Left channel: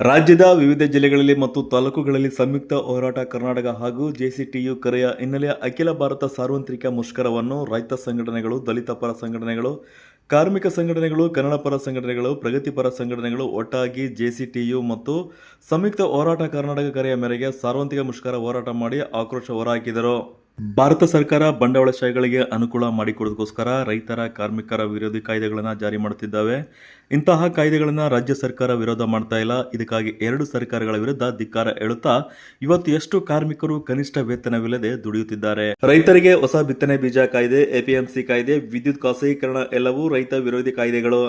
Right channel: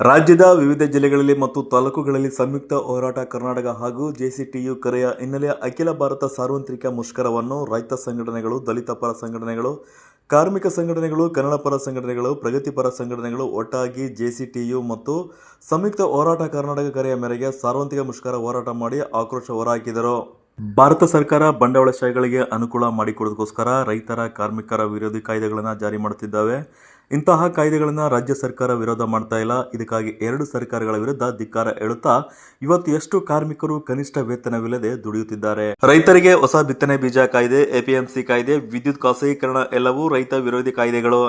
ರಾಜ್ಯದ ವಿವಿಧ ಜಿಲ್ಲೆಗಳಲ್ಲಿ ಮತ್ತು ತಾಲೂಕುಗಳಲ್ಲಿ ಸಂಯುಕ್ತ ಹೋರಾಟ ಕರ್ನಾಟಕ ಹಾಗೂ ಜೆಸಿಟಿಯು ಕರೆಯ ಹಿನ್ನೆಲೆಯ ಅಖಿಲ ಭಾರತ ಸಾರ್ವತ್ರಿಕ ಮುಷ್ಕರವನ್ನು ರೈತ ಸಂಘಟನೆಗಳು, ದಲಿತ ಪರ ಸಂಘಟನೆಗಳು, ಕಾರ್ಮಿಕ ಸಂಘಟನೆಗಳು, ಕನ್ನಡ ಪರ ಸಂಘಟನೆಗಳು ಪ್ರಗತಿಪರ ಸಂಘಟನೆಗಳು, ಒಟ್ಟಾಗಿ ಜೆಸಿಟಿಯು ಮತ್ತು ಸಂಯುಕ್ತ ಹೋರಾಟ ಕರ್ನಾಟಕ ಕರೆಯ ಮೇರೆಗೆ ಸಾರ್ವತ್ರಿಕ ಮುಷ್ಕರ ಹೋರಾಟ ಮಾಡಿ ಆಕ್ರೋಶ ಹೊರಹಾಕಿದರು ಭಾರತ ಸರ್ಕಾರ ಬಂಡವಾಳಶಾಹಿಗಳಿಗೆ ಅನುಕೂಲ ಮಾಡಿಕೊಡೋದಕ್ಕೋಸ್ಕರ ರೈತರ, ಕಾರ್ಮಿಕರ ವಿರೋಧಿ ಕಾಯ್ದೆಗಳನ್ನು ಜಾರಿ ಮಾಡುತ್ತಿದ್ದಾವೆ. ಇಂತಹ ಕಾಯ್ದೆಗಳನ್ನು ರಾಜ್ಯ ಸರ್ಕಾರ ವಿರೋಧ ಮಾಡ್ತಾ ಇಲ್ಲ. ಇದಕ್ಕಾಗಿ ಎರಡು ಸರ್ಕಾರಗಳ ವಿರುದ್ಧ ಧಿಕ್ಕಾರ ಹೇಳುತ್ತಾ ಇವತ್ತು ಎಷ್ಟು ಕಾರ್ಮಿಕರು ಕನಿಷ್ಠ ವೇತನವಿಲ್ಲದೆ ದುಡಿಯುತ್ತಿದ್ದಾರೆ. ರೈತರಿಗೆ ಹೊಸ ಬಿತ್ತನೆ ಬೀಜ ಕಾಯ್ದೆ, ಎಪಿಎಂಸಿ ಕಾಯ್ದೆ, ವಿದ್ಯುತ್ ಖಾಸಗೀಕರಣ ಎಲ್ಲವೂ ರೈತ ವಿರೋಧಿ ಕಾಯ್ದೆಗಳು.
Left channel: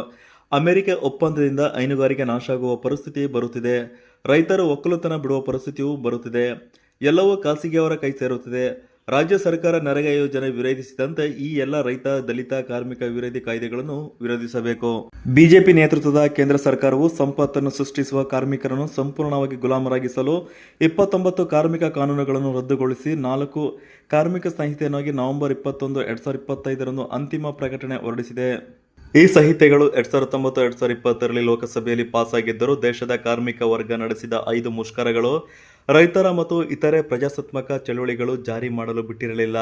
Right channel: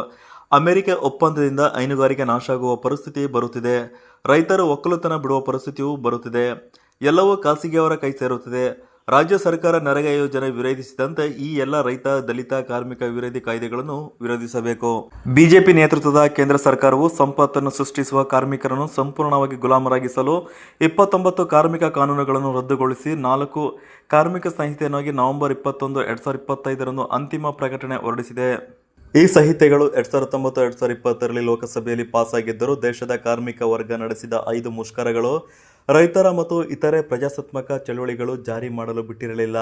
ಅಮೆರಿಕ ಒಪ್ಪಂದದಿಂದ ಹೈನುಗಾರಿಕೆ ನಾಶ ಆಗುವ ಪರಿಸ್ಥಿತಿ ಬರುತ್ತಿದೆ. ರೈತರು ಒಕ್ಕಲುತನ ಬಿಡುವ ಪರಿಸ್ಥಿತಿಯೂ ಬರುತ್ತಿದೆ. ಎಲ್ಲವೂ ಖಾಸಗಿಯವರ ಕೈ ಸೇರುತ್ತಿದೆ. ರಾಜ್ಯ ಸರ್ಕಾರ ನರೇಗಾ ಯೋಜನೆ ವಿರೋಧಿಸಿದಂತೆ ಈ ಎಲ್ಲ ರೈತ, ದಲಿತ, ಕಾರ್ಮಿಕ ವಿರೋಧಿ ಕಾಯ್ದೆಗಳನ್ನು ವಿರೋಧಿಸಬೇಕು. ಬಿಜೆಪಿ ನೇತೃತ್ವದ ಕೇಂದ್ರ ಸರ್ಕಾರವು ಸಂಪತ್ತನ್ನು ಸೃಷ್ಟಿಸುವ ಕಾರ್ಮಿಕರನ್ನು ಸಂಪೂರ್ಣವಾಗಿ ಗುಲಾಮರಾಗಿಸಲು ಇಪ್ಪತ್ತೊಂಬತ್ತು ಕಾರ್ಮಿಕ ಕಾನೂನುಗಳನ್ನು ರದ್ದುಗೊಳಿಸಿ ನಾಲ್ಕು ಕಾರ್ಮಿಕ ಸಂಹಿತೆಯನ್ನಾಗಿ ನವೆಂಬರ್ ಇಪ್ಪತ್ತೊಂದು, ಎರಡ್ ಸಾವಿರದ ಇಪ್ಪತ್ತೈದರಂದು ಅಂತಿಮ ಪ್ರಕಟಣೆ ಹೊರಡಿಸಿದೆ. ಈ ಸಂಹಿತೆಗಳು ಎರಡ್ ಸಾವಿರದ ಹತ್ತೊಂಬತ್ತು, ಎರಡ್ ಸಾವಿರದ ಇಪ್ಪತ್ತರಲ್ಲಿ ಲೋಕಸಭೆಯಲ್ಲಿ ಪಾಸ್ ಆಗಿದ್ದರೂ ದೇಶದ ಕಾರ್ಮಿಕ ವರ್ಗ ನಡೆಸಿದ ಐದು ಮುಷ್ಕರಗಳು ರೈತರ ಮತ್ತು ಇತರೆ ಪ್ರಜಾಸತ್ತಾತ್ಮಕ ಚಳುವಳಿಗಳು ಜಾರಿ ಮಾಡಲು ಬಿಟ್ಟಿರಲಿಲ್ಲ.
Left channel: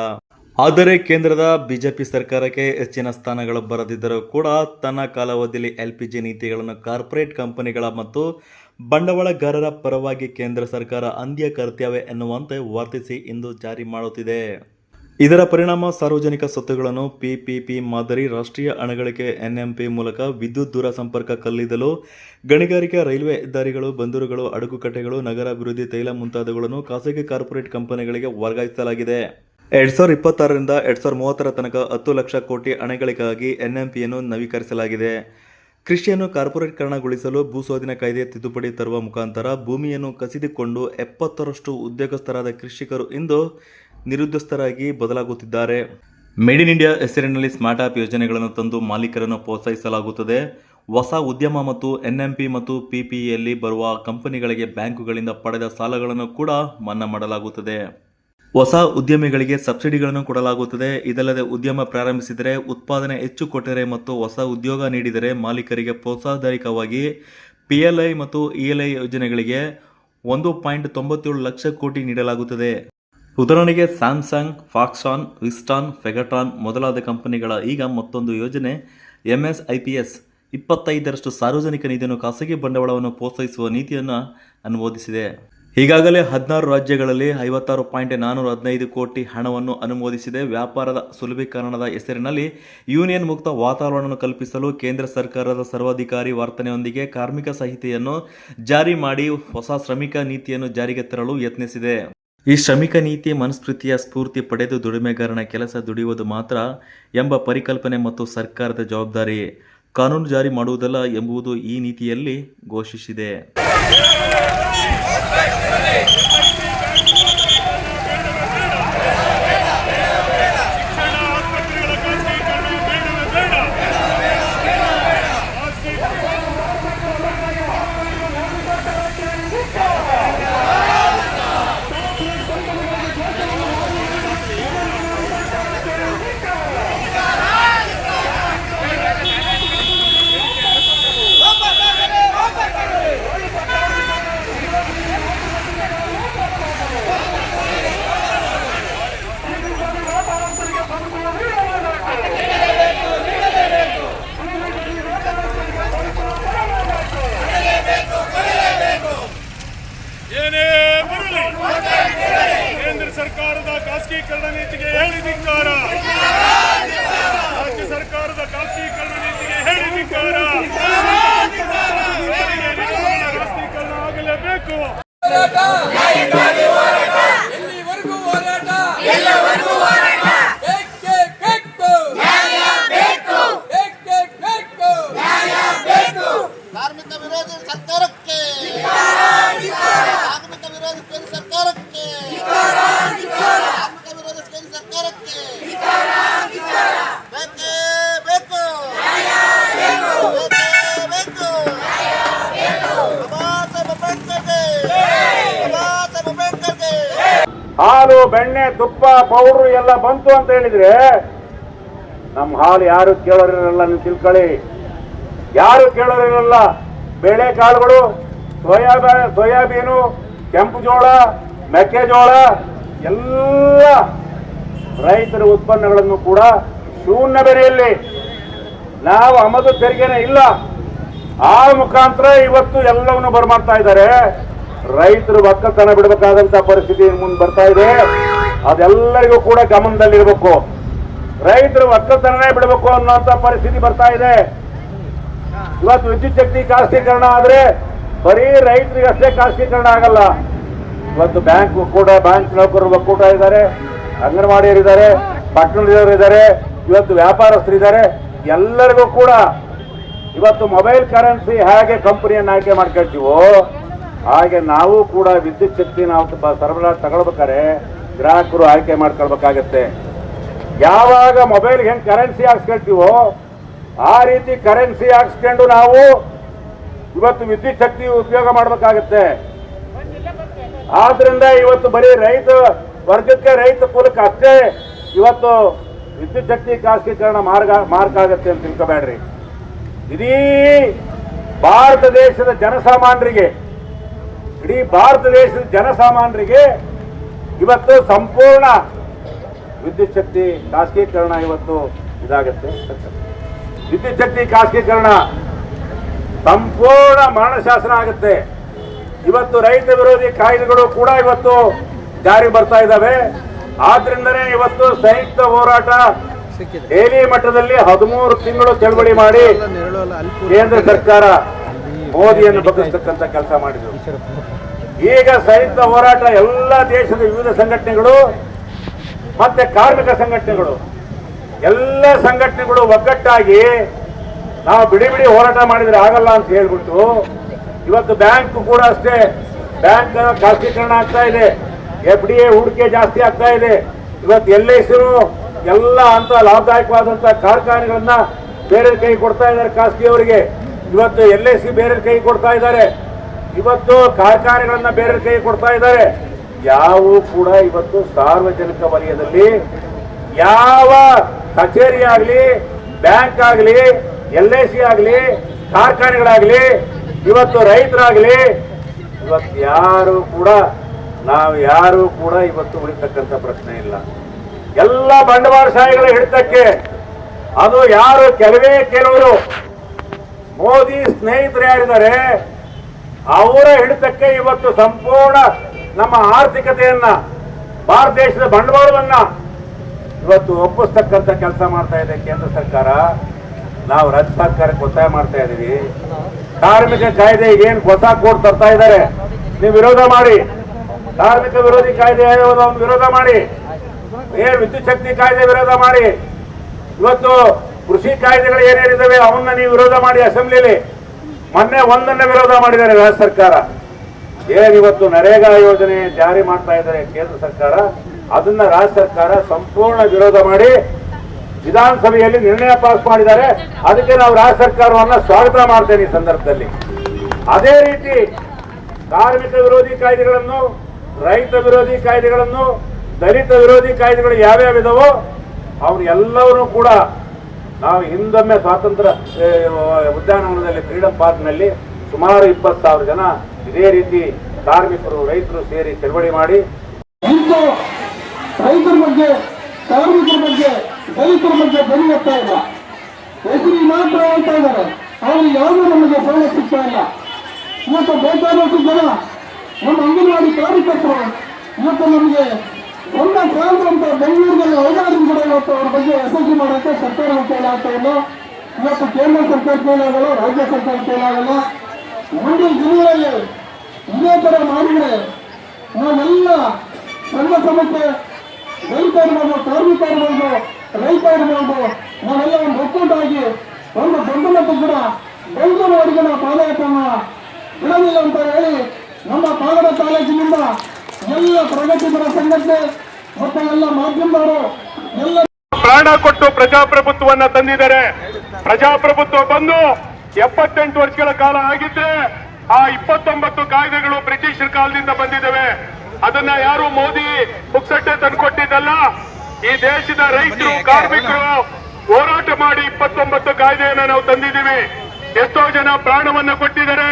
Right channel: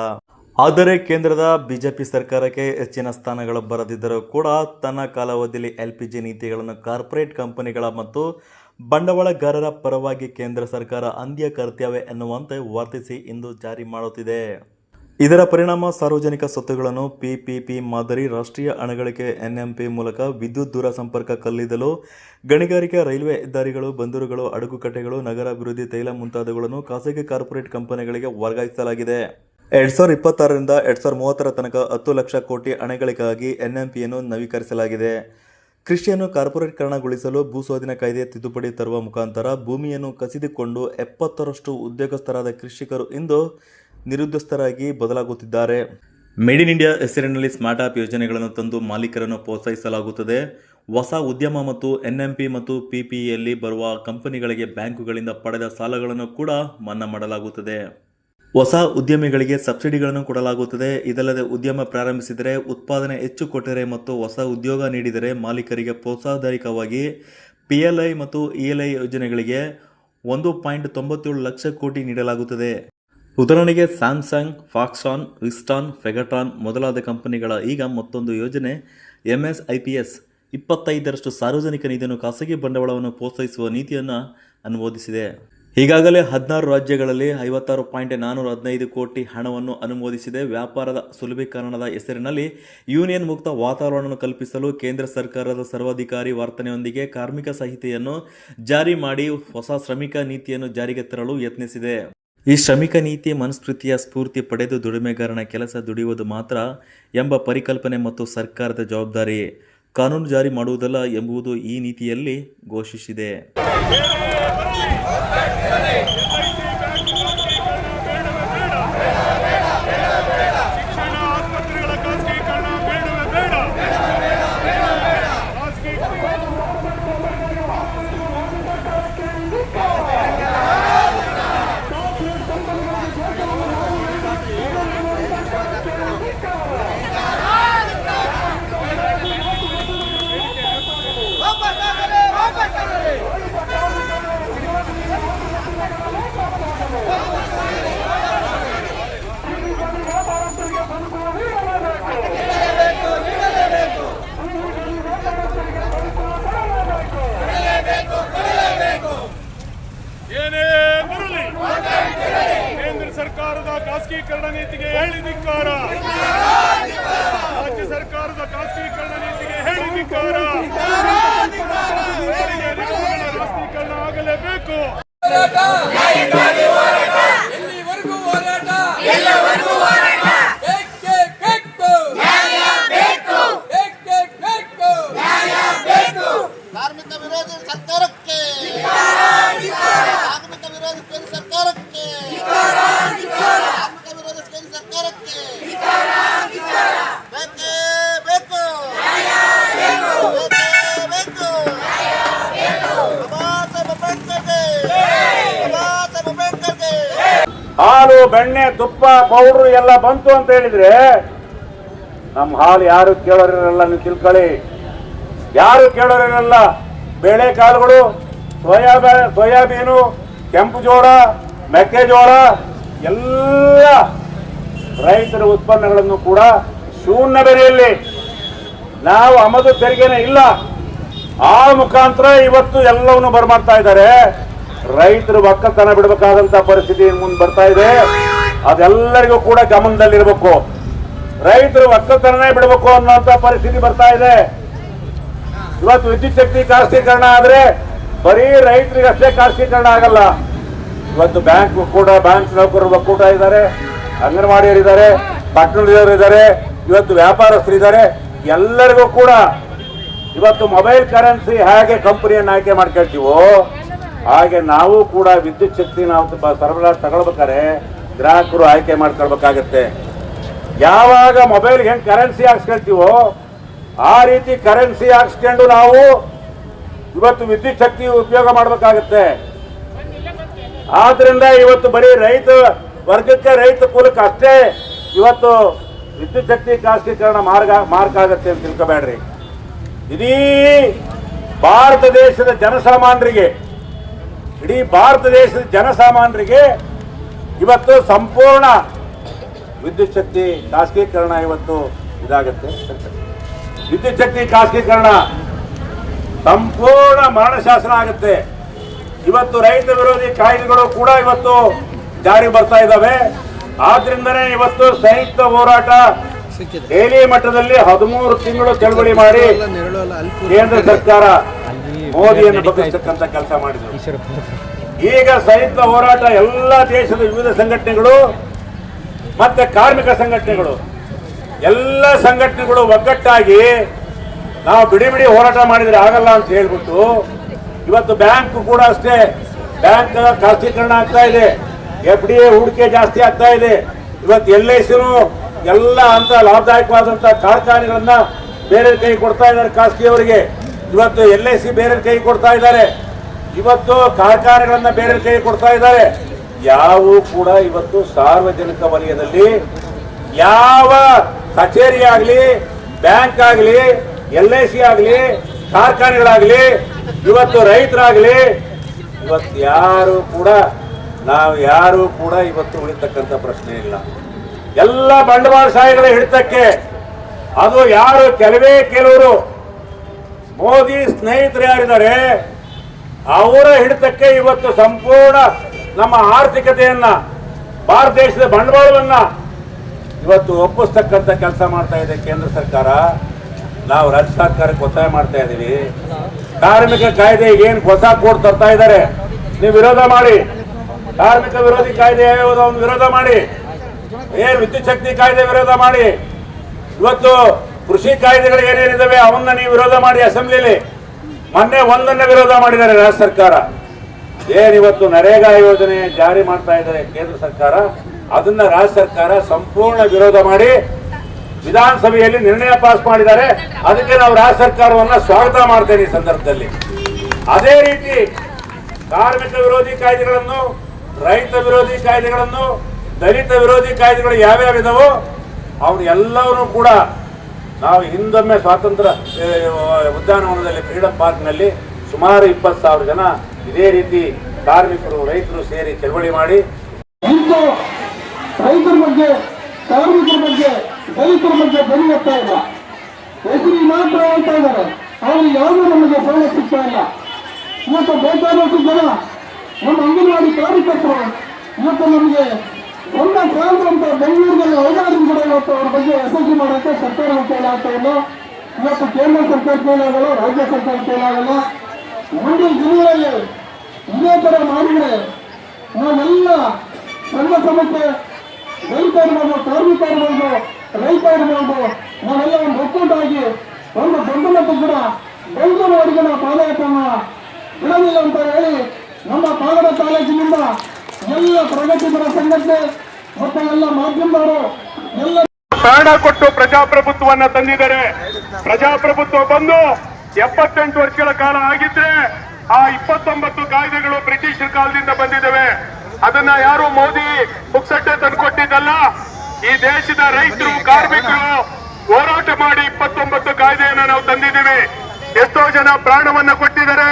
ಆದರೆ ಕೇಂದ್ರದ ಬಿಜೆಪಿ ಸರ್ಕಾರಕ್ಕೆ ಹೆಚ್ಚಿನ ಸ್ಥಾನಗಳು ಬರದಿದ್ದರೂ ಕೂಡ ತನ್ನ ಕಾಲಾವಧಿಯಲ್ಲಿ ಎಲ್ಪಿಜಿ ನೀತಿಗಳನ್ನು ಕಾರ್ಪೊರೇಟ್ ಕಂಪನಿಗಳ ಮತ್ತು ಬಂಡವಾಳಗಾರರ ಪರವಾಗಿ ಕೇಂದ್ರ ಸರ್ಕಾರ ಅಂದ್ಯ ಕರ್ತವ್ಯ ಎನ್ನುವಂತೆ ವರ್ತಿಸಿ ಇಂದು ಜಾರಿ ಮಾಡುತ್ತಿದೆ. ಇದರ ಪರಿಣಾಮ ಸಾರ್ವಜನಿಕ ಸ್ವತ್ತುಗಳನ್ನು ಪಿಪಿಪಿ ಮಾದರಿ ರಾಷ್ಟ್ರೀಯ ಅಣಗಳಿಕೆ ಎನ್ಎಂಪಿ ಮೂಲಕ ವಿದ್ಯುತ್ ದೂರ ಸಂಪರ್ಕ ಕಲ್ಲಿದ್ದಲು, ಗಣಿಗಾರಿಕೆ ರೈಲ್ವೆ ಹೆದ್ದಾರಿಗಳು ಬಂದರುಗಳು ಅಡಗುಕಟ್ಟೆಗಳು ನಗರ ಅಭಿವೃದ್ಧಿ ತೈಲ ಮುಂತಾದವುಗಳನ್ನು ಖಾಸಗಿ ಕಾರ್ಪೊರೇಟ್ ಕಂಪನಿಗಳಿಗೆ ವರ್ಗಾಯಿಸಲಾಗಿದೆ. ಎರಡ್ ಸಾವಿರದ ಇಪ್ಪತ್ತಾರರಿಂದ ಎರಡ್ ಸಾವಿರದ ಮೂವತ್ತರ ತನಕ ಹತ್ತು ಲಕ್ಷ ಕೋಟಿ ಅಣೆಗಳಿಗಾಗಿ ಎನ್ಎಂಪಿಯನ್ನು ನವೀಕರಿಸಲಾಗಿದೆ. ಕೃಷಿಯನ್ನು ಕಾರ್ಪೊರೇಟ್ಕರಣಗೊಳಿಸಲು ಭೂಸ್ವಾಧೀನ ಕಾಯ್ದೆ ತಿದ್ದುಪಡಿ ತರುವ ಮುಖಾಂತರ ಭೂಮಿಯನ್ನು ಕಸಿದುಕೊಂಡು ಎಪ್ಪತ್ತರಷ್ಟು ಉದ್ಯೋಗಸ್ಥರಾದ ಕೃಷಿಕರು ಇಂದು ನಿರುದ್ಯೋಗಸ್ಥರಾಗಿ ಬದಲಾಗುತ್ತಿದ್ದಾರೆ. ಮೇಡ್ ಇನ್ ಇಂಡಿಯಾ ಹೆಸರಿನಲ್ಲಿ ಸ್ಮಾರ್ಟ್ ಆಪ್ ಯೋಜನೆಗಳನ್ನು ತಂದು ಮಾಲೀಕರನ್ನು ಪ್ರೋತ್ಸಾಹಿಸಲಾಗುತ್ತದೆ. ಹೊಸ ಉದ್ಯಮ ಮತ್ತು ಎನ್ಎಂಪಿ ಮತ್ತು ಪಿಪಿಇಯಲ್ಲಿ ಬರುವ ಕಂಪನಿಗಳಿಗೆ ಬ್ಯಾಂಕುಗಳಿಂದ ಪಡೆದ ಸಾಲಗಳನ್ನು ಕೂಡ ಮನ್ನಾ ಮಾಡಲಾಗುತ್ತದೆ. ಹೊಸ ಉದ್ಯಮಿಗಳಿಗೆ ಸಬ್ಸಿಡಿಗಳನ್ನು ಕೊಡಲಾಗುತ್ತದೆ. ಇದಲ್ಲದೆ ಉದ್ಯಮ ಪ್ರಾರಂಭಿಸಿದರೆ ಉತ್ಪಾದನೆ ಹೆಚ್ಚು ಕೊಟ್ಟರೆ ಮತ್ತು ಹೊಸ ಉದ್ಯೋಗ ನೀಡಿದರೆ ಮಾಲೀಕರಿಗೆ ಪ್ರೋತ್ಸಾಹದಾಯಕವಾಗಿ ಪಿಎಲ್ಐ ಮತ್ತು ಇಎಲ್ಐ ಯೋಜನೆಗಳಿಗೆ ಒಂದು ಪಾಯಿಂಟ್ ತೊಂಬತ್ತೇಳು ಲಕ್ಷ ಕೋಟಿ ನೀಡಲಾಗುತ್ತದೆ. ಉದಾಹರಣೆಗೆ ಸ್ಯಾಮ್ಸಂಗ್ ಫಾಕ್ಸಾನ್ ವಿಸ್ಟಾನ್ ಫೆಗಟ್ರಾನ್ ಮೊದಲಾದ ಕಂಪನಿಗಳ ಈಗ ಮತ್ತೊಂದು ಯೋಜನೆ ಎಂಎಸ್ಐ ಪಿ ಎಸ್ ಇಪ್ಪತ್ತೈದರಷ್ಟು ಸಾರ್ವಜನಿಕ ನಿಧಿಯನ್ನು ಖಾಸಗಿ ಬಂಡವಾಳವನ್ನು ಪ್ರೋತ್ಸಾಹಿಸುವ ನೀತಿಯನ್ನು ಅನುಮೋದಿಸಿದೆ. ಈಗಾಗಲೇ ಹದಿನಾರು ರಾಜ್ಯಗಳಲ್ಲಿ ಐವತ್ತಾರು ಪಾಯಿಂಟ್ ನಾನ್ನೂರ ಹದಿನೈದು ಕೋಟಿ ಹಣವನ್ನು ಅನುಮೋದಿಸಿದೆ. ವ್ಯಾಪಾರದ ಸುಲಭೀಕರಣದ ಹೆಸರಿನಲ್ಲಿ ಯೂನಿಯನ್ ಮುಕ್ತ ವಾತಾವರಣವನ್ನು ಕಲ್ಪಿಸಲು ಕೇಂದ್ರ ಸರ್ಕಾರದ ಸರ್ವಾಧಿಕಾರಿ ವರ್ತನೆಯೊಂದಿಗೆ ಕಾರ್ಮಿಕ ಸಂಹಿತೆಯನ್ನು ಜಾರಿ ಮಾಡಿ ಹೊಸ ಶ್ರಮಿಕ ನೀತಿಯನ್ನು ಜಾರಿಗೆ ತರಲು ಯತ್ನಿಸಿದೆ. ಈ ಶ್ರಮಿಕ ನೀತಿ ಮನುಸ್ಮೃತಿಯ ಸ್ಫೂರ್ತಿ ಪಡೆದು ದುಡಿಮೆಗಾರನ ಕೆಲಸ ದುಡಿಯುವುದು ಮಾತ್ರ ಎಂಬ ಪರಿಕಲ್ಪನೆ ಮತ್ತು ಸರ್ಕಾರದ ಜವಾಬ್ದಾರಿ. ಕಾನೂನು ಜಾರಿ ಮಾಡುವುದಲ್ಲ ಎಂಬುದು ಈ ನೀತಿಯಲ್ಲಿ ಘೋಷಿಸಿದೆ ಶಿಕ್ಷಣ ಆಸ್ಪತ್ರೆಗಳ ಖಾಸಗೀಕರಣ ಬೇಡವೇ ಬೇಡ ಖಾಸಗಿ ಏನೇ ಬರಲಿ ಕೇಂದ್ರ ಸರ್ಕಾರದ ಖಾಸಗೀಕರಣ ನೀತಿಗೆ ಹೇಳಿ ಧಿಕ್ಕಾರ. ರಾಜ್ಯ ಸರ್ಕಾರದ ಖಾಸಗೀಕರಣ ನೀತಿಗೆ ಹೇಳಿ ಧಿಕ್ಕಾರ. ಖಾಸಗೀಕರಣ ಆಗಲೇಬೇಕು. ಪೌಡ್ರು ಎಲ್ಲ ಬಂತು ಅಂತ ಹೇಳಿದ್ರೆ ನಮ್ಮ ಹಾಲು ಯಾರು ಕೇಳೋರಿರಲ್ಲ ನೀವು ತಿಳ್ಕೊಳ್ಳಿ. ಯಾರು ಕೇಳೋರಿರಲ್ಲ? ಬೇಳೆ ಕಾಳುಗಳು ಸೋಯಾಬ ಸೋಯಾಬೀನು, ಕೆಂಪು ಜೋಳ ಮೆಕ್ಕೆಜೋಳ ಎಲ್ಲ ರೈತರ ಉತ್ಪನ್ನಗಳನ್ನು ಕೂಡ ಶೂನ್ಯ ಬೆಲೆಯಲ್ಲಿ. ನಾವು ಆಮದು ತೆರಿಗೆನೇ ಇಲ್ಲ. ಆ ಮುಖಾಂತರ ಇವತ್ತು ಎಲ್ಲವನ್ನು ಬರ್ಮಾಡ್ತಾ ಇದ್ದಾರೆ. ರೈತರು ಒಕ್ಕಲ್ತನ ಬಿಡಬೇಕಾದಂತ ಪರಿಸ್ಥಿತಿ ಮುಂದೆ ಬರ್ತಾ ಇದೆ. ಅದೆಲ್ಲರಿಗೂ ಕೂಡ ಗಮನದಲ್ಲಿರಬೇಕು. ರೈತರು ಒಕ್ಕಲ್ತನನೇ ಬಿಡಬೇಕು ಅನ್ನುವಂತ ಪರಿಸ್ಥಿತಿ ಬರ್ತಾ ಇದೆ. ಇವತ್ತು ವಿದ್ಯುತ್ ಶಕ್ತಿ ಖಾಸಗೀಕರಣ ಆದ್ರೆ ಬರೀ ರೈತರಿಗೆ ಅಷ್ಟೇ ಖಾಸಗೀಕರಣ ಆಗಲ್ಲ. ಇವತ್ತು ಬ್ಯಾಂಕ್ ಕೂಡ ಬ್ಯಾಂಕ್ ನೌಕರರು ಒಕ್ಕೂಟ ಇದ್ದಾರೆ, ಅಂಗನವಾಡಿಯವರು ಇದ್ದಾರೆ ಪಟ್ಟಣದವರು ಇದ್ದಾರೆ, ಇವತ್ತು ವ್ಯಾಪಾರಸ್ಥರು ಇದ್ದಾರೆ. ಎಲ್ಲರಿಗೂ ಕೂಡ ಇವತ್ತು ಮೊಬೈಲ್ ಕರೆನ್ಸಿ ಹೇಗೆ ಕಂಪನಿಯನ್ನು ಆಯ್ಕೆ ಮಾಡ್ಕೊಳ್ತೀವೋ, ಹಾಗೆ ನಾವು ಕೂಡ ವಿದ್ಯುತ್ ಶಕ್ತಿ ನಾವು ಸರಬರಾಜು ತಗೊಳ್ಬೇಕಾದ್ರೆ ಗ್ರಾಹಕರು ಆಯ್ಕೆ ಮಾಡ್ಕೊಳ್ಬೇಕಾಗತ್ತೆ. ಯಾವಾಗ ಮೊಬೈಲ್ ಹೆಂಗ್ ಕರೆನ್ಸಿ ಹಾಕ್ಸ್ಕೊಳ್ತೀವೋ, ಆ ರೀತಿ ಕರೆನ್ಸಿ ಹಾಕ್ಸ್ಕೊಂಡು ನಾವು ಇವತ್ತು ವಿದ್ಯುತ್ ಶಕ್ತಿ ಉಪಯೋಗ ಮಾಡಬೇಕಾಗತ್ತೆ. ಆದ್ರಿಂದ ಇವತ್ತು ಬರೀ ರೈತ ವರ್ಗಕ್ಕೆ ರೈತ ಕುಲಕ್ಕೆ ಅಷ್ಟೇ ಇವತ್ತು ವಿದ್ಯುತ್ ಶಕ್ತಿ ಖಾಸಗೀಕರಣ ಮಾರ್ಗ ಮಾರ್ಗ ಆಗತ್ತೆ ಅಂತ ತಿಳ್ಕೊಬೇಡ್ರಿ. ಇಡೀ ಭಾರತ ದೇಶದ ಜನಸಾಮಾನ್ಯರಿಗೆ, ಇಡೀ ಭಾರತ ದೇಶದ ಜನಸಾಮಾನ್ಯರಿಗೆ ಇವತ್ತು ಸಂಪೂರ್ಣ ವಿದ್ಯುತ್ ಶಕ್ತಿ ಖಾಸಗೀಕರಣ ಇವತ್ತು ಇದಾಗುತ್ತೆ. ವಿದ್ಯುತ್ ಶಕ್ತಿ ಖಾಸಗೀಕರಣ ಸಂಪೂರ್ಣ ಮರಣ ಶಾಸನ ಆಗುತ್ತೆ. ಇವತ್ತು ರೈತ ವಿರೋಧಿ ಕಾಯ್ದೆಗಳು ಕೂಡ ಇವತ್ತು ಜಾರಿ ಬರ್ತಾ ಇದ್ದಾವೆ ಆದ್ರಿಂದನೇ ಇವತ್ತು ಸಂಯುಕ್ತ ಹೋರಾಟ ಡೈಲಿ ಮಟ್ಟದಲ್ಲಿ ಹದಿಮೂರು ತಿಂಗಳು ಚಳವಳಿ ಮಾಡಿ ಕೇಂದ್ರ ಸರ್ಕಾರ ಮೋದಿಯನ್ನು ಬದಲಿಸತಕ್ಕಂಥ ಕೆಲಸ ಮಾಡಿದ್ರು. ಈಗ ಸಂಯುಕ್ತ ಹೋರಾಟ ಎಲ್ಲ ದೇಶದ ವಿವಿಧ ಸಂಘಟನೆಗಳು ಮತ್ತೆ ಕಾರ್ಮಿಕ ಸಂಘಟನೆಗಳು. ಎಲ್ಲ ಸಂಘಟನೆಗಳು ಒಗ್ಗಟ್ಟಾಗಿ ನಾವು ಬಿಡಿ ಬಿಡಿ ಹೋರಾಟ ಮಾಡಿದ್ರೆ ಆಗಲ್ಲ ಅಂತ ಹೇಳ್ಬಿಟ್ಟು ಇವತ್ತು ಬ್ಯಾಂಕ್ ಕೂಡ ಅಷ್ಟೇ. ಬ್ಯಾಂಕ್ ಖಾಸಗೀಕರಣ ಆಗ್ತಾ ಇದೆ. ಎಫ್ ಡಿ ಎ ಹೂಡಿಕೆ ಜಾಸ್ತಿ ಆಗ್ತಾ ಇದೆ. ಇವತ್ತು ಎಲ್ ಐ ಸಿನು ಎಲ್ಲ ಅಂತ ಲಾಭದಾಯಕವಾದಂಥ ಕಾರ್ಖಾನೆಗಳನ್ನ ಬೇರೆ ಕೈ ಕೊಡ್ತಾ ಇದ್ದಾರೆ ಖಾಸಗಿಯವರಿಗೆ. ಇವತ್ತು ಎಲ್ ಐ ಸಿ ಬೇರೆ ಕೈ ಕೊಡ್ತಾ ಇದ್ದಾರೆ. ಇವತ್ತು ಕಾರ್ಖಾನೆಗಳನ್ನ ಬೇರೆ ಕೈ ಕೊಡ್ತಾ ಇದ್ದಾವೆ. ಯಾವು ಕೂಡ ಇವತ್ತು ಸಾರ್ವಜನಿಕ ವಲಯದಲ್ಲಿ ಯಾವ ಕಚೇರಿ ಆಗಲಿ, ಬ್ಯಾಂಕ್ ಆಗಲಿ, ಎಲ್ ಐ ಸಿ ಆಗಲಿ, ಕಾರ್ಖಾನೆಗಳಾಗಲಿ, ಇವತ್ತು ರೈತರಾಗಲಿ, ಇವತ್ತು ಯಾರು ಕೂಡ, ನಾವು ಯಾರು ಕೂಡ ಇವತ್ತು ಉಳಿತಕ್ಕಂಥ ಪ್ರಶ್ನೆ ಇಲ್ಲ. ಎಲ್ಲ ಬಂಡವಾಳಶಾಹಿಗಳ ಹಿಡಿತಕ್ಕೆ ಅದು ಯಾರು ಕೆಲವೇ ಕೆಲವರು ಮೋದಿ ಸ್ನೇಹಿತರು ಯಾರಿದ್ದಾರೆ ಅವರ ಹಿಡಿತಕ್ಕೆ ಇವತ್ತು ಸಂಪೂರ್ಣ ನಮ್ಮ ಆರ್ಥಿಕತೆಯನ್ನ, ಭಾರತ ದೇಶದ ಬಂಡವಾಳವನ್ನ ಇವತ್ತು ಒಪ್ಪಿಸ್ತಕ್ಕಂಥ ಕೆಲಸ ಮಾಡ್ತಾ ಇದೆ ಕೇಂದ್ರ ಸರ್ಕಾರ. ನಾವು ರಾಜ್ಯ ಸರ್ಕಾರಕ್ಕೆ ಒತ್ತಾಯ ಮಾಡ್ತಾ ಇದ್ದೀವಿ ಕಾರ್ಮಿಕ ಕಾಯ್ದೆ ಏನು ಹೊಸ ಕೋಡ್ ತರ್ತಾ ಇದ್ದಾರೆ, ನೀವು ವಿರೋಧ ಮಾಡಿ. ಕಾರ್ಮಿಕ ವಿರೋಧಿ ಕಾಯ್ದೆ ಯಾವ್ಯಾವುದೋ ವಿರೋಧ ಮಾಡಿ. ಏ, ವಿದ್ಯುತ್ ಶಕ್ತಿ ಕಾಯ್ದೆ ವಿರೋಧ ಮಾಡಿ. ಇವತ್ತು ಕೃಷಿ ಕಾಯ್ದೆಗಳು ಏನೇನಿದ್ದಾವೆ, ಅವನ್ನ ನೀವು ವಿರೋಧ ಮಾಡಿ ಅಸೆಂಬ್ಲಿಲಿ. ಮೊನ್ನೆ ಒಂದನ್ನ ವಿರೋಧ ಮಾಡಿದ್ದಾರೆ ರಾಜ್ಯ ಸರ್ಕಾರ. ಏನಿವತ್ತು ನರೇಗಾ ಯೋಜನೆ ಜಾರಿ ಮಾಡ್ತಾ ಇದ್ದಾರೆ ಕೇಂದ್ರ ಸರ್ಕಾರ, ಅದನ್ನ ರಾಜ್ಯ ಸರ್ಕಾರ ಸಂಪೂರ್ಣ ವಿರೋಧ ಮಾಡಿ ವಿಧಾನಸಭೆಯಲ್ಲಿ ನಿರ್ಣಯ ಪಾಸ್ ಮಾಡಿದ್ದಾರೆ. ಅದಕ್ಕೆ ನಾವು ರಾಜ್ಯ ಸರ್ಕಾರವನ್ನ ಸ್ವಾಗತ ಮಾಡ್ತೇವೆ ಈ ಸಂದರ್ಭದಲ್ಲಿ. ಅದೇ ರೀತಿ ಕಾರ್ಮಿಕ ವಿರೋಧಿ ಕಾಯ್ದೆಗಳನ್ನು, ರೈತ ವಿರೋಧಿ ಕಾಯ್ದೆಗಳನ್ನು, ದಲಿತ ವಿರೋಧಿ ಕಾಯ್ದೆಗಳು ಯಾವ್ಯಾವ ಇದಾವೋ ಅವ್ರು ಎಲ್ಲವನ್ನೂ ಕೂಡ ನಾವು ಹಿಂದೊಮ್ಮೆ ಸ್ವಾತಂತ್ರ್ಯ ಉದ್ಯಾನವನದಲ್ಲಿ ಫ್ರೀಡಮ್ ಪಾರ್ಕ್ನಲ್ಲಿ ಸುಮಾರು ಇಪ್ಪತ್ತು ಸಾವಿರ ಜನ ಇದೇ ರೀತಿ ಕಾರ್ಮಿಕರು, ರೈತರು ಸೇರಿ ಚಳವಳಿ ಮಾಡಿ. ರೈತರ ಬಗ್ಗೆ, ಕಾರ್ಮಿಕರ ಬಗ್ಗೆ ದಲಿತರ ಬಗ್ಗೆ ಬಲಿ ಹೋಗ್ತಾ ಇಲ್ಲ. ಹೆಸರಿ ಮಾತ್ರ ಹೇಳ್ತಾ ಇದ್ದಾರೆ. ಅವ್ರಿಗೆ ಯಾವುದೂ ನಮಗೆ ಸೌಲಭ್ಯ ಸಿಗ್ತಾ ಇಲ್ಲ. ಇವತ್ತು ಬೇಕಾದಷ್ಟು ಜನ ನಮ್ಮ ಅಂಗನವಾಡಿ ಕಾರ್ಯಕರ್ತರು ಇವತ್ತು ನಮಗೆ ಒಂದ ಪ್ರಾಂತ ಬೆಂಗಳೂರಿನಲ್ಲಿ ಓಡಾಡಿ ಕೂಡ ಇವತ್ತು ಅವ್ರ ಬಗ್ಗೆ ಎಸ್ಎಸ್ಸಿ ಮಾಡೋಕ್ಕೆ ಸರ್ಕಾರ ಕೈಲಾಗ್ತಾ ಇಲ್ಲ ಇವತ್ತು ಕೇಂದ್ರ ಸರ್ಕಾರ ಕೈಲಾಗಲ್ಲ ರಾಜ್ಯ ಸರ್ಕಾರ ಕೈಲಾಗಲ್ಲ ಮುಂದಿನ ದಿನಗಳಲ್ಲಿ ಇದೇ ತರ ಮಾಡಿದ್ರೆ ನಾವೆಲ್ಲ ಸಂಘ ಸಂಸ್ಥೆ ದಲಿತ ಇರ್ಬೋದು, ಕಾರ್ಮಿಕ ಇರ್ಬೋದು, ರೈತ ಇರ್ಬೋದು, ನಾವೆಲ್ಲ ಒಂದು ಒಕ್ಕೂಟಾಗಿ ಒಂದು ದೊಡ್ಡ ಮಟ್ಟ ಕೂಡ ಬೆಂಗಳೂರುವರೆಗೆ ನಾವು ಪಾದಯಾತ್ರೆಯನ್ನ ಬಿಡಲಿಲ್ಲ ಅಂತ ಹೇಳಿ ನಮ್ಮ ಪಾಗಡ ತಾಲೂಕಿನಿಂದ ಎಲ್ಲ ಪ್ರಗತಿಪರ ಸಂಘಟನೆ ಎಲ್ಲ ಮಾಧ್ಯಮದವರು, ಎಲ್ಲ ಪ್ರಾಣ ಕೊಟ್ಟು ಪ್ರಜಾಪ್ರಭುತ್ವವನ್ನ ತಂದಿದ್ದಾರೆ. ಪ್ರಜಾಪ್ರಭುತ್ವ ಬಂದು ಎಪ್ಪತ್ತೆಂಟು ವರ್ಷಗಳ ಕಾಲ ಆಗಿದ್ರೆ ಆ ಇಪ್ಪತ್ತೊಂಬತ್ತು ಕಾಯ್ದೆಗಳು ಬ್ರಿಟಿಷರ್ ಕಾಲದಿಂದ ಬಂದಿದ್ದಾವೆ. ಅದನ್ನ ಯಾರು ಮೋದಿ ಪುಕ್ಸಟ್ಟೆ ತಂದುಕೊಟ್ಟಿದ್ದಲ್ಲ? ಈ ದೇಶದ ರೈತರು, ಕಾರ್ಮಿಕರು ಹೋರಾಟ ಮಾಡಿ ಇಪ್ಪತ್ತೊಂಬತ್ತು ಕಾಯ್ದೆಯನ್ನು ನಾವು ತಂದಿದ್ದೀವಿ. ಎಷ್ಟೋ ಜನ ಪ್ರಾಣವನ್ನ ಕೊಟ್ಟಿದ್ದಾರೆ.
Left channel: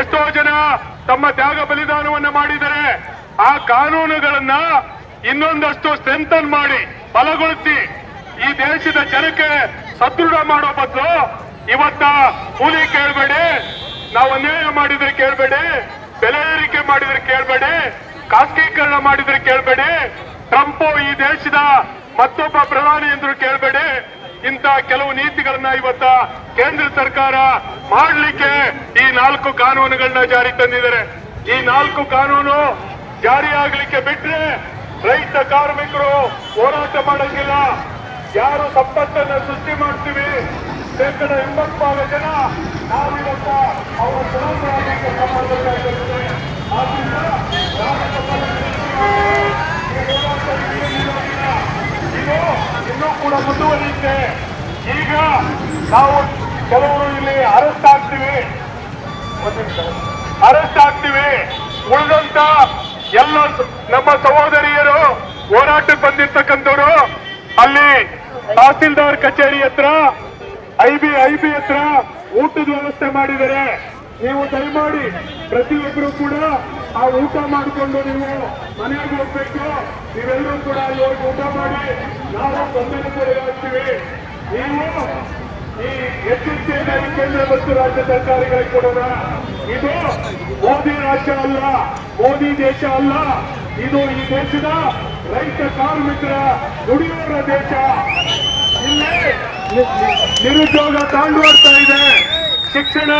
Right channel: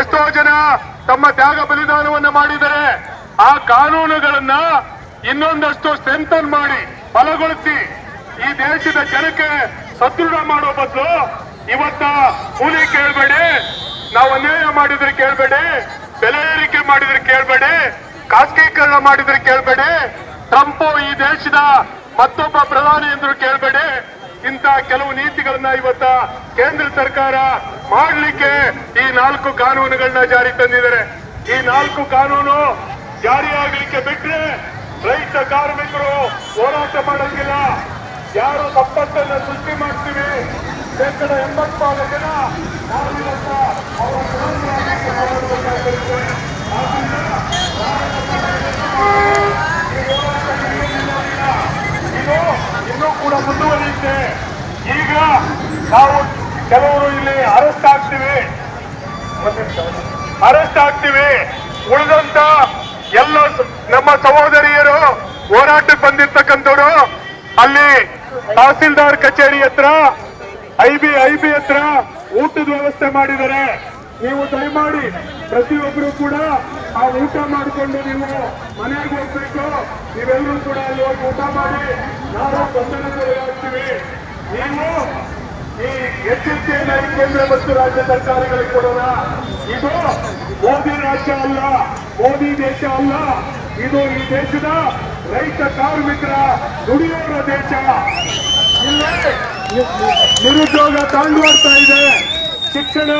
ಎಷ್ಟೋ ಜನ ತಮ್ಮ ತ್ಯಾಗ ಬಲಿದಾನವನ್ನ ಮಾಡಿದರೆ ಆ ಕಾನೂನುಗಳನ್ನ ಇನ್ನೊಂದಷ್ಟು ಸ್ಟ್ರೆಂಥನ್ ಮಾಡಿ ಬಲಗೊಳಿಸಿ ಈ ದೇಶದ ಜನಕ್ಕೆ ಸದೃಢ ಮಾಡೋ ಬದಲು ಇವತ್ತ ಕೂಲಿ ಕೇಳಬೇಡಿ, ನಾವು ಅನ್ಯಾಯ ಮಾಡಿದ್ರೆ ಕೇಳಬೇಡಿ, ಬೆಲೆ ಏರಿಕೆ ಮಾಡಿದ್ರೆ ಕೇಳಬೇಡಿ, ಖಾಸಗೀಕರಣ ಮಾಡಿದ್ರೆ ಕೇಳಬೇಡಿ, ಟ್ರಂಪ್ ಈ ದೇಶದ ಮತ್ತೊಬ್ಬ ಪ್ರಧಾನಿ ಎಂದ್ರು ಕೇಳಬೇಡಿ ಇಂತ ಕೆಲವು ನೀತಿಗಳನ್ನ ಇವತ್ತ ಕೇಂದ್ರ ಸರ್ಕಾರ ಮಾಡಲಿಕ್ಕೆ ಈ ನಾಲ್ಕು ಕಾನೂನುಗಳನ್ನ ಜಾರಿ ತಂದಿದ್ದಾರೆ. ಈ ನಾಲ್ಕು ಕಾನೂನು ಜಾರಿಯಾಗಲಿಕ್ಕೆ ಬಿಟ್ರೆ ರೈತ ಕಾರ್ಮಿಕರು ಹೋರಾಟ ಮಾಡೋದಿಲ್ಲ. ಯಾರು ಸಂಪತ್ತನ್ನು ಸೃಷ್ಟಿ ಮಾಡ್ತೀವಿ? ಶೇಕಡ ಎಂಬತ್ತಾರು ಜನ ನಾವಿವತ್ತ ಇನ್ನೂ ಕೂಡ ಮುಂದುವರಿಯುತ್ತೆ ಈಗ ನಾವು ಕೆಲವರು ಇಲ್ಲಿ ಅರೆಸ್ಟ್ ಆಗ್ತೀವಿ ಅರೆಸ್ಟ್ ಆಗ್ತೀವಿ ಉಳಿದಂತ ಎಲ್ಲ ನಮ್ಮ ಸಹೋದರಿಯರು ಹೋರಾಟಕ್ಕೆ ಬಂದಿರ್ತಕ್ಕಂಥವ್ರು, ಅಲ್ಲಿ ತಹಸೀಲ್ದಾರ್ ಕಚೇರಿ ಹತ್ರ ಐ ಬಿ ಐ ಬಿ ಹತ್ರ ಊಟದ ವ್ಯವಸ್ಥೆ ಮಾಡಿದರೆ ನೀವು ದಯಮಾಡಿ ಪ್ರತಿಯೊಬ್ಬರು ಕೂಡ ಆ ಊಟ ಮಾಡಿಕೊಂಡು ನೀವು ಮನೆಗೆ ಹೋಗ್ಬೇಕು. ನೀವೆಲ್ಲರೂ ಕೂಡ ಅಲ್ಲಿ ಹೋಗಿ ಊಟ ಮಾಡಿ. ನಾವು ಗೊಂದಲಗೊಳಗಾಗ್ತೀವಿ ನೀವು ಈ ಎಚ್ಚರಿಕೆಯನ್ನ ಕೇಂದ್ರ ಮತ್ತು ರಾಜ್ಯ ಸರ್ಕಾರಗಳಿಗೆ ಕೊಡೋಣ. ಇದು ಮೋದಿ ರಾಜ್ಯ ಅಲ್ಲ. ಮೋದಿ ದೇಶ ಅಲ್ಲ, ಇದು ಈ ದೇಶದ ರೈತ ಕಾರ್ಮಿಕರ ದುಡಿಯೋರ ದೇಶ. ನಿರುದ್ಯೋಗ ತಾಂಡುವಾಡ್ತಾ ಇದೆ. ಶಿಕ್ಷಣ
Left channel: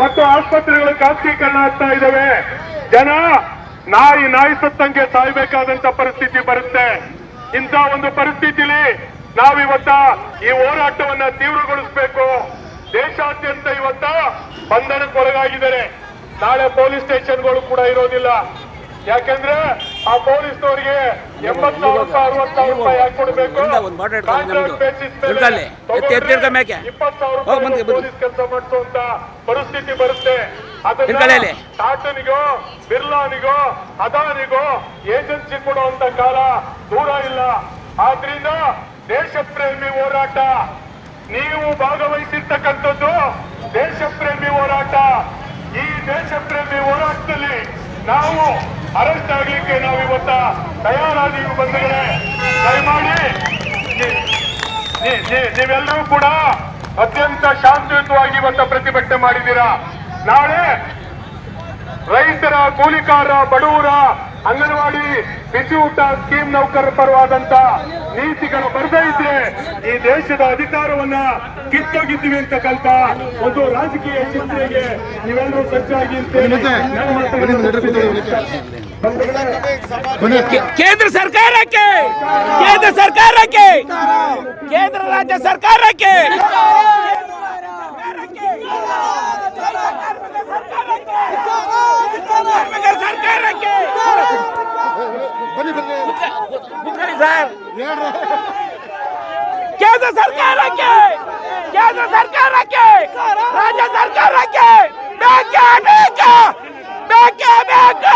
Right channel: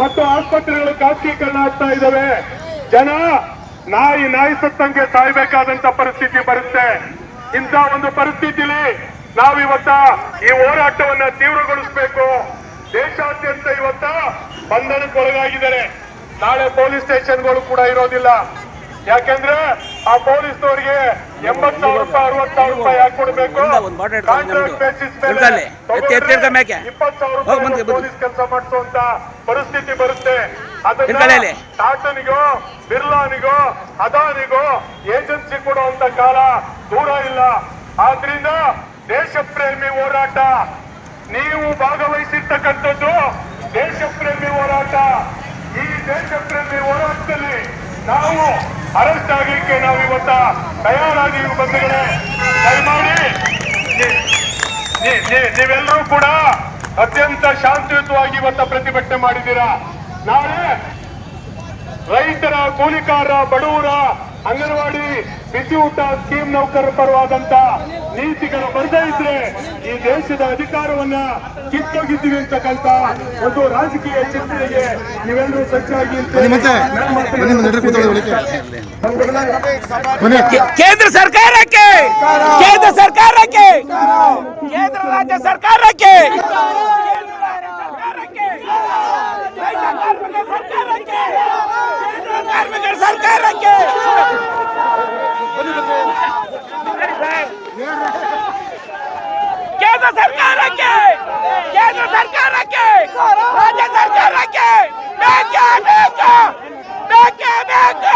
ಮತ್ತು ಆಸ್ಪತ್ರೆಗಳ ಖಾಸಗೀಕರಣ ಆಗ್ತಾ ಇದ್ದಾವೆ ಜನ ನಾಯಿ ನಾಯಿ ಸತ್ತಂಗೆ ಸಾಯ್ಬೇಕಾದಂತ ಪರಿಸ್ಥಿತಿ ಬರುತ್ತೆ. ಇಂಥ ಒಂದು ಪರಿಸ್ಥಿತಿಲಿ ನಾವಿವತ್ತ ಈ ಹೋರಾಟವನ್ನ ತೀವ್ರಗೊಳಿಸಬೇಕು. ದೇಶಾದ್ಯಂತ ಇವತ್ತ ಬಂಧನಕ್ಕೊಳಗಾಗಿದ್ದಾರೆ. ನಾಳೆ ಪೊಲೀಸ್ ಸ್ಟೇಷನ್ಗಳು ಕೂಡ ಇರೋದಿಲ್ಲ. ಯಾಕೆಂದ್ರೆ ಆ ಪೊಲೀಸ್ನವರಿಗೆ ಎಂಬತ್ ಸಾವಿರ ರೂಪಾಯಿ ಅರವತ್ ಸಾವಿರ ರೂಪಾಯಿ ಯಾಕೆ ಕೊಡಬೇಕು. ಇಪ್ಪತ್ತು ಸಾವಿರ ರೂಪಾಯಿ. ಪೊಲೀಸ್ ಕೆಲಸ ಮಾಡಿಸುವಂತ ಪರಿಸ್ಥಿತಿ ಬರುತ್ತೆ. ಅದನ್ನ. ಟಾಟನಿಗೋ ಬಿರ್ಲಾನಿಗೋ ಅದಾನಿಗೋ ಏಜೆನ್ಸಿ ಕೊಡುವಂತ ಕಾಲ ದೂರ ಇಲ್ಲ. ಆದ್ರಿಂದ ದೇಶ ಪ್ರೇಮಿ ಹೋರಾಟ. ನೀವು ಭಾಗವಹಿಸಿರ್ತಕ್ಕಂಥದ್ದು ದೇಶ ಪ್ರೇಮಿ ಹೋರಾಟ. ಈ ದೇಶ ಪ್ರೇಮಿ ಹೋರಾಟದಲ್ಲಿ ನಾವು ಅರೆಸ್ಟ್ ಆಗಲಿಕ್ಕೆ ನಾವು ಇವತ್ತ ತಯಾರಾಗಿ ಬಂದಿದ್ದೇವೆ. ನೀವೆಲ್ಲರೂ ಕೂಡ ಅತ್ಯಂತ ಶಾಂತಿಯುತವಾಗಿ ಇವತ್ತ ಪ್ರತಿಭಟನೆ ಮಾಡಿದ್ದೀರಾ? ನಾಳೆ ರೈತರ ಕೂಲಿಕಾರ ಬಡವರ ಅಂಗನವಾಡಿ ಬಿಸಿ ಊಟ ಸ್ಕೀಮ್ ನೌಕರರ ಪರವಾದಂತ ನೀತಿಗಳು ಬರದೇ ಇದ್ರೆ ಈ ದೇಶದ ಅಧಿಕಾರವನ್ನ ಕಿತ್ತೊಗಿದ್ದೀವಿ ಅಂತಕ್ಕಂತ ಒಂದು ರಾಜಕೀಯ ಚಿಂತನೆಗೆ ನೀವೆಲ್ಲರೂ ಸಜ್ಜಾಗಿ ಕೇಂದ್ರ ಸರ್ಕಾರಕ್ಕೆ! ಕೇಂದ್ರ ಸರ್ಕಾರಕ್ಕೆ! ಕೇಂದ್ರ ರಾಜ್ಯ ಸರ್ಕಾರಕ್ಕೆ! ಕಾರ್ಮಿಕರ ಸರ್ಕಾರಕ್ಕೆ. ಸರ್. ಕೇಂದ್ರ ಸರ್ಕಾರಕ್ಕೆ ಕೇಂದ್ರ ಸರ್ಕಾರಕ್ಕೆ, ರಾಜ್ಯ ಸರ್ಕಾರಕ್ಕೆ ಬೇಕೇ ಬೇಕು ಬೇಕೇ ಬೇಕು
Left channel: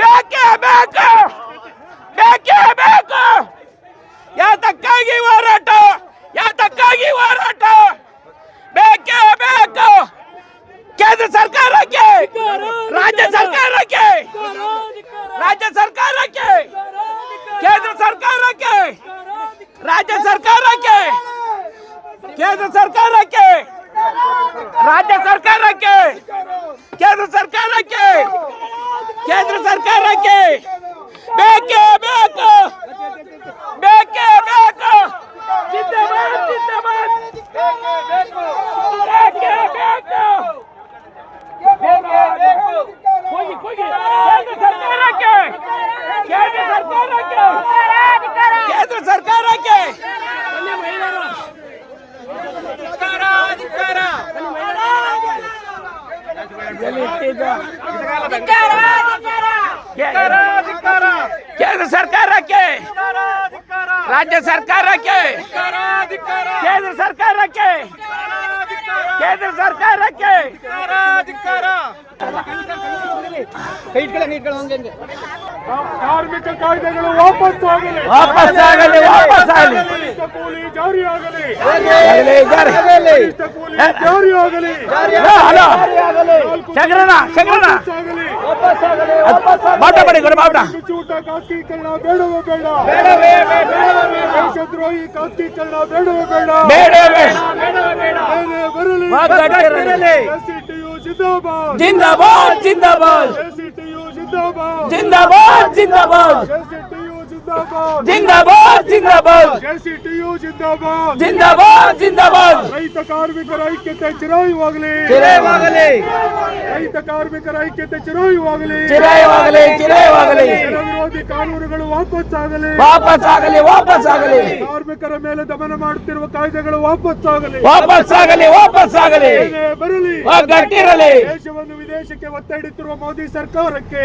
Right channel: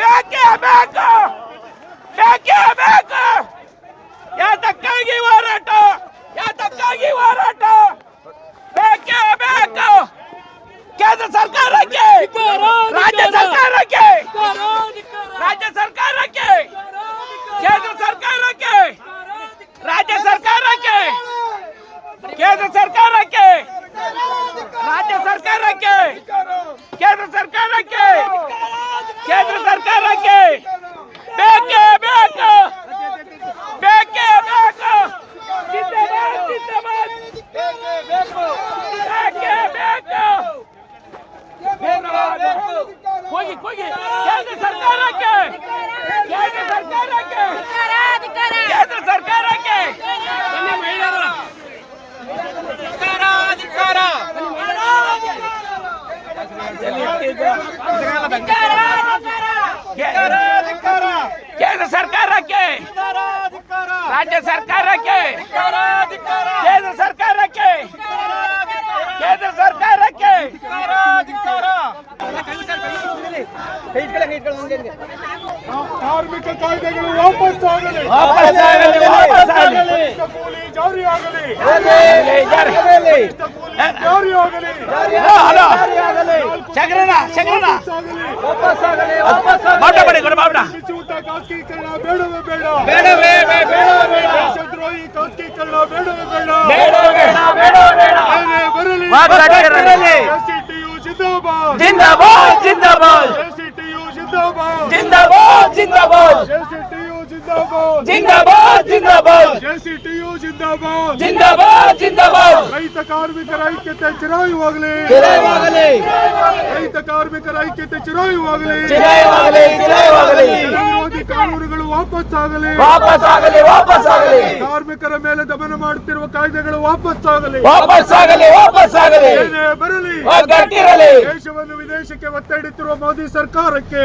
ಬೇಕೇ ಬೇಕು ಬೇಕೇ ಬೇಕು. ಯಾತಕ್ಕಾಗಿ ಹೋರಾಟ ಯಾತಕ್ಕಾಗಿ ಹೋರಾಟ? ಬೇಕೇ ಬೇಕು. ಕೇಂದ್ರ ಸರ್ಕಾರಕ್ಕೆ ರಾಜ್ಯ ಸರ್ಕಾರಕ್ಕೆ ರಾಜ್ಯ ಸರ್ಕಾರಕ್ಕೆ ಕೇಂದ್ರ ಸರ್ಕಾರಕ್ಕೆ ರಾಜ್ಯ ಸರ್ಕಾರಕ್ಕೆ ಕೇಂದ್ರ ಸರ್ಕಾರಕ್ಕೆ ರಾಜ್ಯ ಸರ್ಕಾರಕ್ಕೆ ಕೇಂದ್ರ ಸರ್ಕಾರಕ್ಕೆ ಕೇಂದ್ರ ಸರ್ಕಾರಕ್ಕೆ ಬೇಕೇ ಬೇಕು ಬೇಕೇ ಬೇಕು ಜಿಂದಾಬಾದ್, ಜಿಂದಾಬಾದ್. ಬೇಕೇ ಬೇಕು ಹೋಗಿ ಹೋಗಿ ಕೇಂದ್ರ ಸರ್ಕಾರಕ್ಕೆ ಕೇಂದ್ರ ಸರ್ಕಾರಕ್ಕೆ ಕೇಂದ್ರ ಸರ್ಕಾರಕ್ಕೆ ಬನ್ನಿ ಮಹಿಳೆಯರು ಅಧಿಕಾರ ಅಧಿಕಾರ ಕೇಂದ್ರ ಸರ್ಕಾರಕ್ಕೆ ರಾಜ್ಯ ಸರ್ಕಾರಕ್ಕೆ ಕೇಂದ್ರ ಸರ್ಕಾರಕ್ಕೆ ಕೇಂದ್ರ ಸರ್ಕಾರಕ್ಕೆ ಕೈ ಇಟ್ಕೊಳ್ಳಿ ನೀ ಇಟ್ಕೊಳ್ಳಿ ಹಂಗೆ ಕಾರ್ಮಿಕ ಕಾಯ್ದೆಗಳು ವಾಪಸ್ ಆಗಲಿ. ವಾಪಸ್ ಆಗಲಿ, ವಾಪಸ್ ಆಗಲಿ. ಕನಿಷ್ಠ ಕೂಲಿ ಜಾರಿ ಆಗಲಿ. ಜಾರಿ. ಕೂಲಿ ಆಗಲಿ. ಖಾಸಗೀಕರಣ ಬೇಡವೇ ಬೇಡ. ಬೇಡವೇ ಬೇ- ಬೇಡವೇ ಬೇಡ. ದೇಶದ್ರೋಹಿ ಖಾಸಗೀಕರಣ ಬೇಡವೇ ಬೇಡ. ಬೇಡವೇ ಬೇಡ. ಏನೇ ಬರಲಿ. ಒಗ್ಗಟ್ಟಿರಲಿ. ಎಸ್ಸಿಟಿಯು ಜಿಂದಾಬಾದ್. ಜಿಂದಾಬಾದ್ ಜಿಂದಾಬಾದ್. ಎಸ್ಸಿಟಿಯು ಜಿಂದಾಬಾದ್ ಜಿಂದಾಬಾದ್! ಜಿಂದಾಬಾದ್ ಜಿಂದಾಬಾದ್! ಎಸ್ಸಿಟಿಯು ಜಿಂದಾಬಾದ್! ಜಿಂದಾಬಾದ್ ಜಿಂದಾಬಾದ್! ರೈತ ಕಾರ್ಮಿಕರ ಐಕ್ಯತೆ ಚಿರಾಯುವಾಗಲಿ! ಚಿರಾಯುವಾಗಲಿ! ರೈತ ಕಾರ್ಮಿಕರ ಐಕ್ಯತೆ ಚಿರಾಯುವಾಗಲಿ! ಚಿರಾಯುವಾಗಲಿ ಚಿರಾಯುವಾಗಲಿ! ವಿರೋಧಿ ಕಾನೂನುಗಳು ವಾಪಸ್ ಆಗಲಿ ವಾಪಸ್ ಆಗಲಿ ವಾಪಸ್ ಆಗಲಿ ಕಾರ್ಮಿಕರ ಮೇಲೆ ದಮನ ಮಾಡುತ್ತಿರುವ ಕಾಯ್ದೆಗಳು ವಾಪಸ್ ಆಗಲಿ ವಾಪಸ್ ಆಗಲಿ ವಾಪಸ್ ಆಗಲಿ ಬರಲಿ! ಗಟ್ಟಿರಲಿ ದೇಶವನ್ನು ವಿದೇಶಕ್ಕೆ ಒತ್ತಡಿತ್ತಿರುವ ಮೋದಿ ಸರ್ಕಾರಕ್ಕೆ!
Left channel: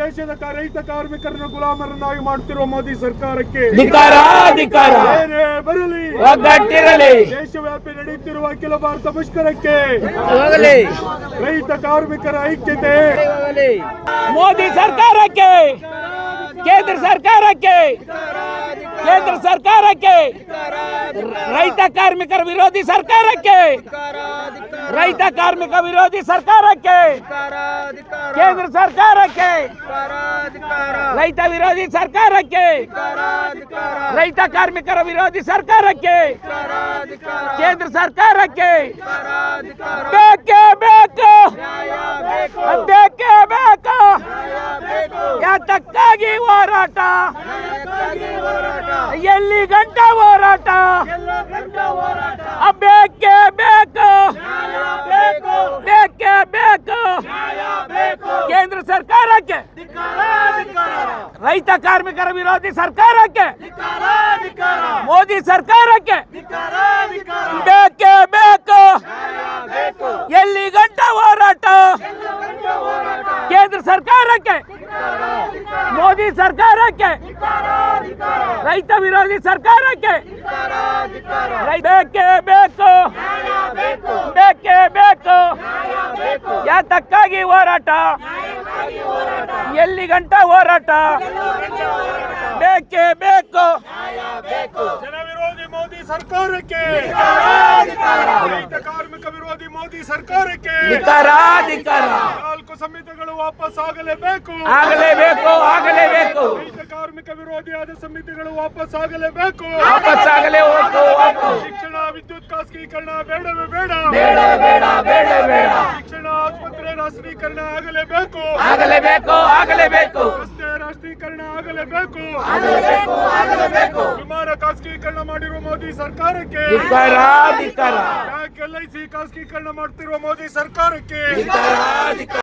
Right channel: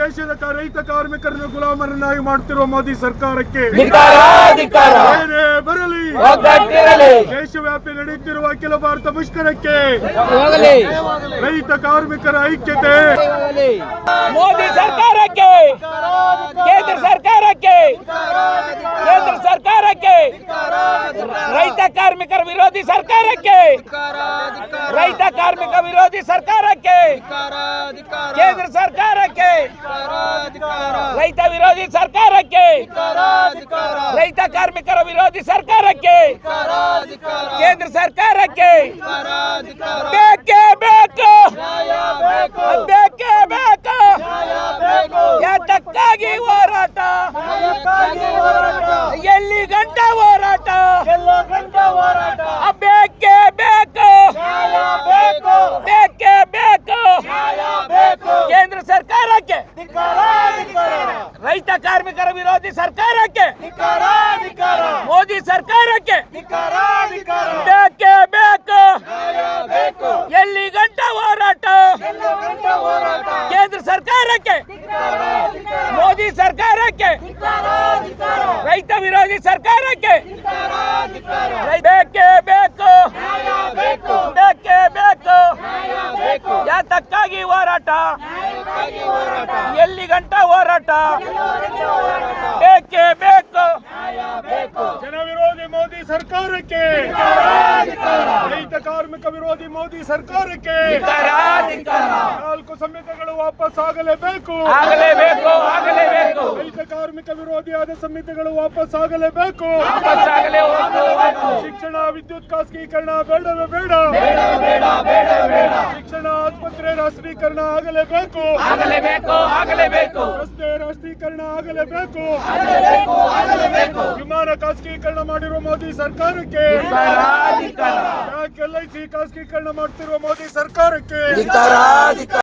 ದೇಶದ ರೈತ ಕಾರ್ಮಿಕರನ್ನು ಗುಲಾಮರನ್ನಾಗಿ ಮಾಡುತ್ತಿರುವ ಮೋದಿ ಸರ್ಕಾರಕ್ಕೆ ಏನೇ ಬರಲಿ. ದೇಶವ್ಯಾಪಿ ನಡೆಯುತ್ತಿರುವ ಅಖಿಲ ಭಾರತ ಮುಷ್ಕರಕ್ಕೆ ರೈತ ಕಾರ್ಮಿಕರ ಐಕ್ಯತೆ. ಮೋದಿ ಸರ್ಕಾರಕ್ಕೆ. ಕೇಂದ್ರ ಸರ್ಕಾರಕ್ಕೆ, ಕೇಂದ್ರ ಸರ್ಕಾರಕ್ಕೆ, ರೈತ ಕಾರ್ಮಿಕರ ವಿರೋಧಿ ಸರ್ಕಾರಕ್ಕೆ, ರೈತ ಕಾರ್ಮಿಕ ವಿರೋಧಿ ಸರ್ಕಾರಕ್ಕೆ, ಕೇಂದ್ರ ಸರ್ಕಾರಕ್ಕೆ, ರೈತ ವಿರೋಧಿ ಸರ್ಕಾರಕ್ಕೆ, ರೈತ ಕಾರ್ಮಿಕರ ವಿರೋಧಿ ಸರ್ಕಾರಕ್ಕೆ, ಕೇಂದ್ರ ಸರ್ಕಾರಕ್ಕೆ, ಬೇಕೇ ಬೇಕು ಬೇಕೇ ಬೇಕು, ಯಾತಕ್ಕಾಗಿ ಹೋರಾಟ ಎಲ್ಲಿ ಗಂಟ ಹೋರಾಟ? ಬೇಕೇ. ಬೇಕು. ಬೇಕೇ ಬೇಕು. ಕೇಂದ್ರ ಸರ್ಕಾರಕ್ಕೆ. ರೈತ ಕಾರ್ಮಿಕರ ವಿರೋಧಿ ಸರ್ಕಾರಕ್ಕೆ. ಮೋದಿ ಸರ್ಕಾರಕ್ಕೆ. ಬೇಕೇ ಬೇಕು ಎಲ್ಲಿ ಗಂಟ ಹೋರಾಟ? ಕೇಂದ್ರ ಸರ್ಕಾರಕ್ಕೆ? ಮೋದಿ ಸರ್ಕಾರಕ್ಕೆ? ರೈತ ವಿರೋಧಿ ಸರ್ಕಾರಕ್ಕೆ? ಬೇಕೇ ಬೇಕು. ಬೇಕೇ. ಬೇಕು ಯಾತಕ್ಕಾಗಿ ಹೋರಾಟ? ಎಲ್ಲಿ ಗಂಟ ಹೋರಾಟ? ಬೇಕೇ. ಬೇಕು ಜನ ವಿರೋಧಿ ಮೋದಿ ಸರ್ಕಾರಕ್ಕೆ. ರೈತ ಕಾರ್ಮಿಕ ವಿರೋಧಿ ಮೋದಿ ಸರ್ಕಾರಕ್ಕೆ. ನಾಲ್ಕು ಸಂಹಿತೆಗಳು ವಾಪಸ್ ಆಗಲೇಬೇಕು. ಆಗಲೇಬೇಕು ಆಗಲೇಬೇಕು. ರೈತ ಕಾರ್ಮಿಕ ವಿರೋಧಿಯಾದ ಸಂಹಿತೆಗಳು ವಾಪಸ್ ಆಗಲೇಬೇಕು. ಶಿಕ್ಷಣ ವಿದ್ಯುತ್ ಖಾಸಗೀಕರಣ ಬೇಡವೇ ಬೇಡ. ಶಿಕ್ಷಣ ಆಸ್ಪತ್ರೆ ರಾಷ್ಟ್ರೀಕರಣ ಆಗಲೇಬೇಕು. ಆಗಲೇಬೇಕು ಆಗಲೇಬೇಕು. ರಸ್ತೆ ರಾಷ್ಟ್ರೀಕರಣ ಆಗಲೇಬೇಕು. ವಿಮಾನ ಖಾಸಗೀಕರಣ ಮಾಡಿರುವ ಮೋದಿ ಸರ್ಕಾರಕ್ಕೆ. ಬ್ಯಾಂಕ್ ಎಲ್ ಐ ಸಿ ಖಾಸಗೀಕರಣ ಮಾಡ್ತಿರುವ ಮೋದಿ ಸರ್ಕಾರಕ್ಕೆ.